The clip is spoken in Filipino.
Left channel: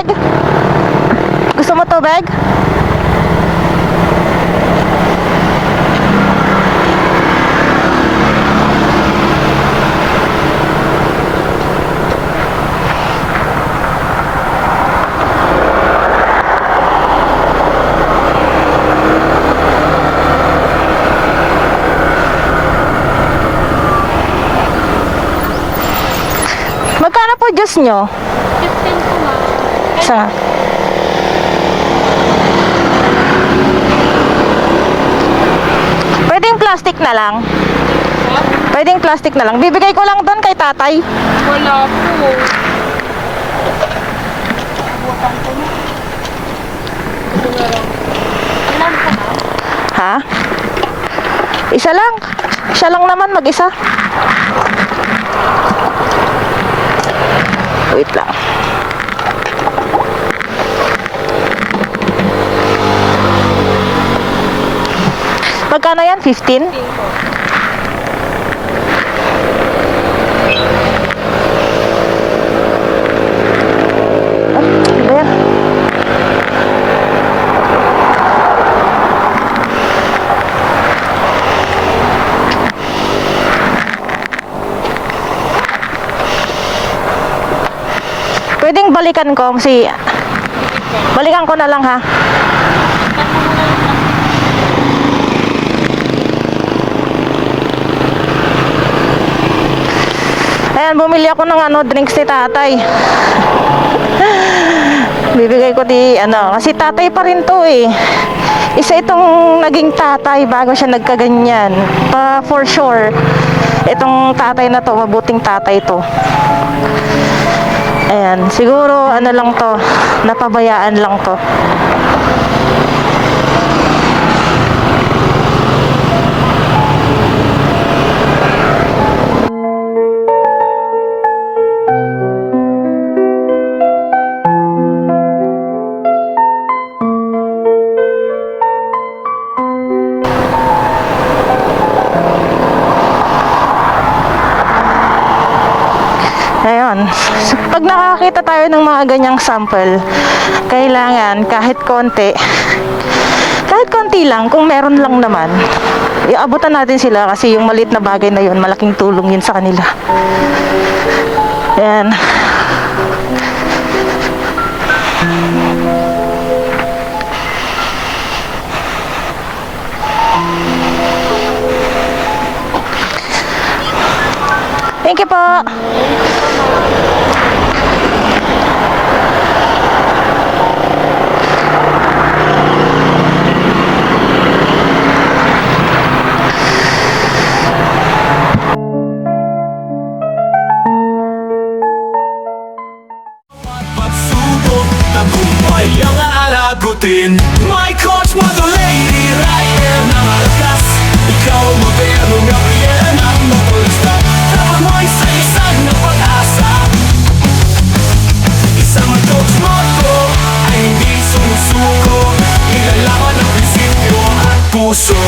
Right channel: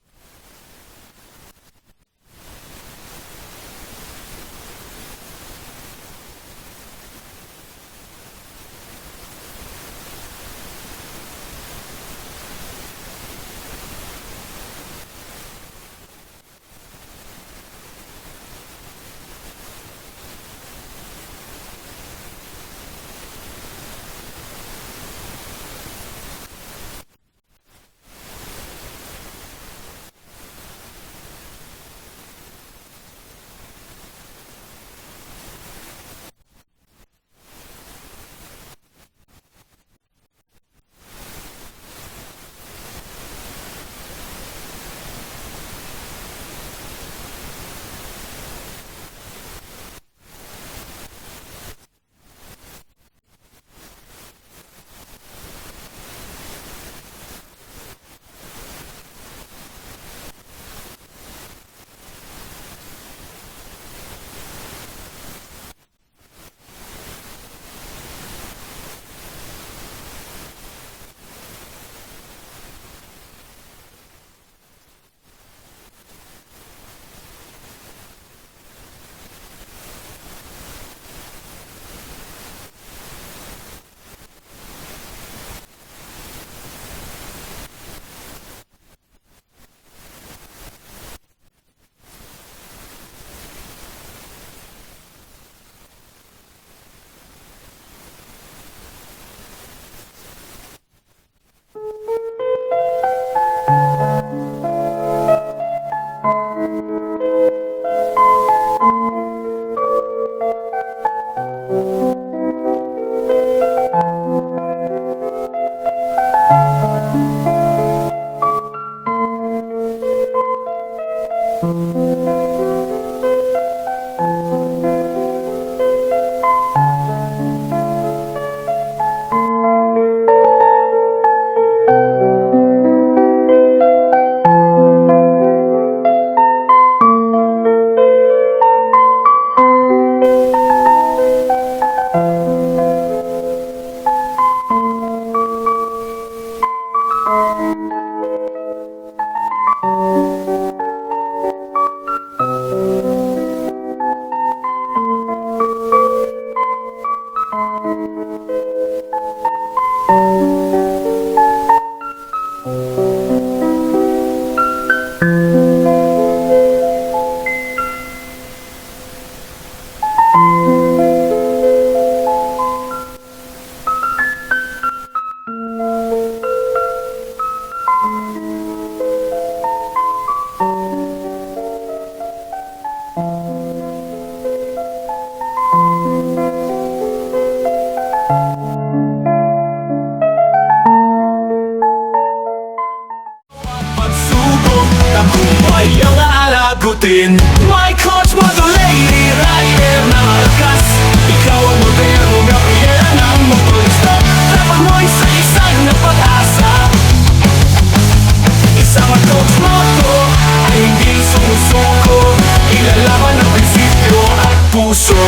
tubig? Gusto mo tubig? Magkano po juice nyo? 15 po ma'am. Sa... Pwedeng plastic na lang. Pwedeng plastic na lang. Bibigay ko lang doon kay tatay. Wala po. Ha? Isa lang. Siya lang naman mag-isa. Wait lang. Magkano yan? 15? Ah, ano ba yan? Pwedeng balikan ko si... Balikan ko na lang ha. Ayan, bumili ako ng ano, drinks ni tatay. Bibigay ko di, ano, kasi tatay pa rin to eh. Isa itong naging tatay bago siya nagkaganyan. Pa for sure, itong tatay na to, mabuting tatay to. Ayan, siguro ano lang to, napabayaan lang to. Pag nakakita tayo ng mga ganyang sample, kailangan kahit konti, kahit konti lang, kung meron lang naman, iabutan natin sila kasi yung maliit na bagay na yun, malaking tulong yun sa kanila. Ayan. Thank you po. routine My coach, mother lady, rider na malakas Ikaw ang moderno, gabriela na motorista Dapat mo'y salisag na pag-asa Isang coach motto ay hindi sumusuko Ilalaman ang prinsipyo at puso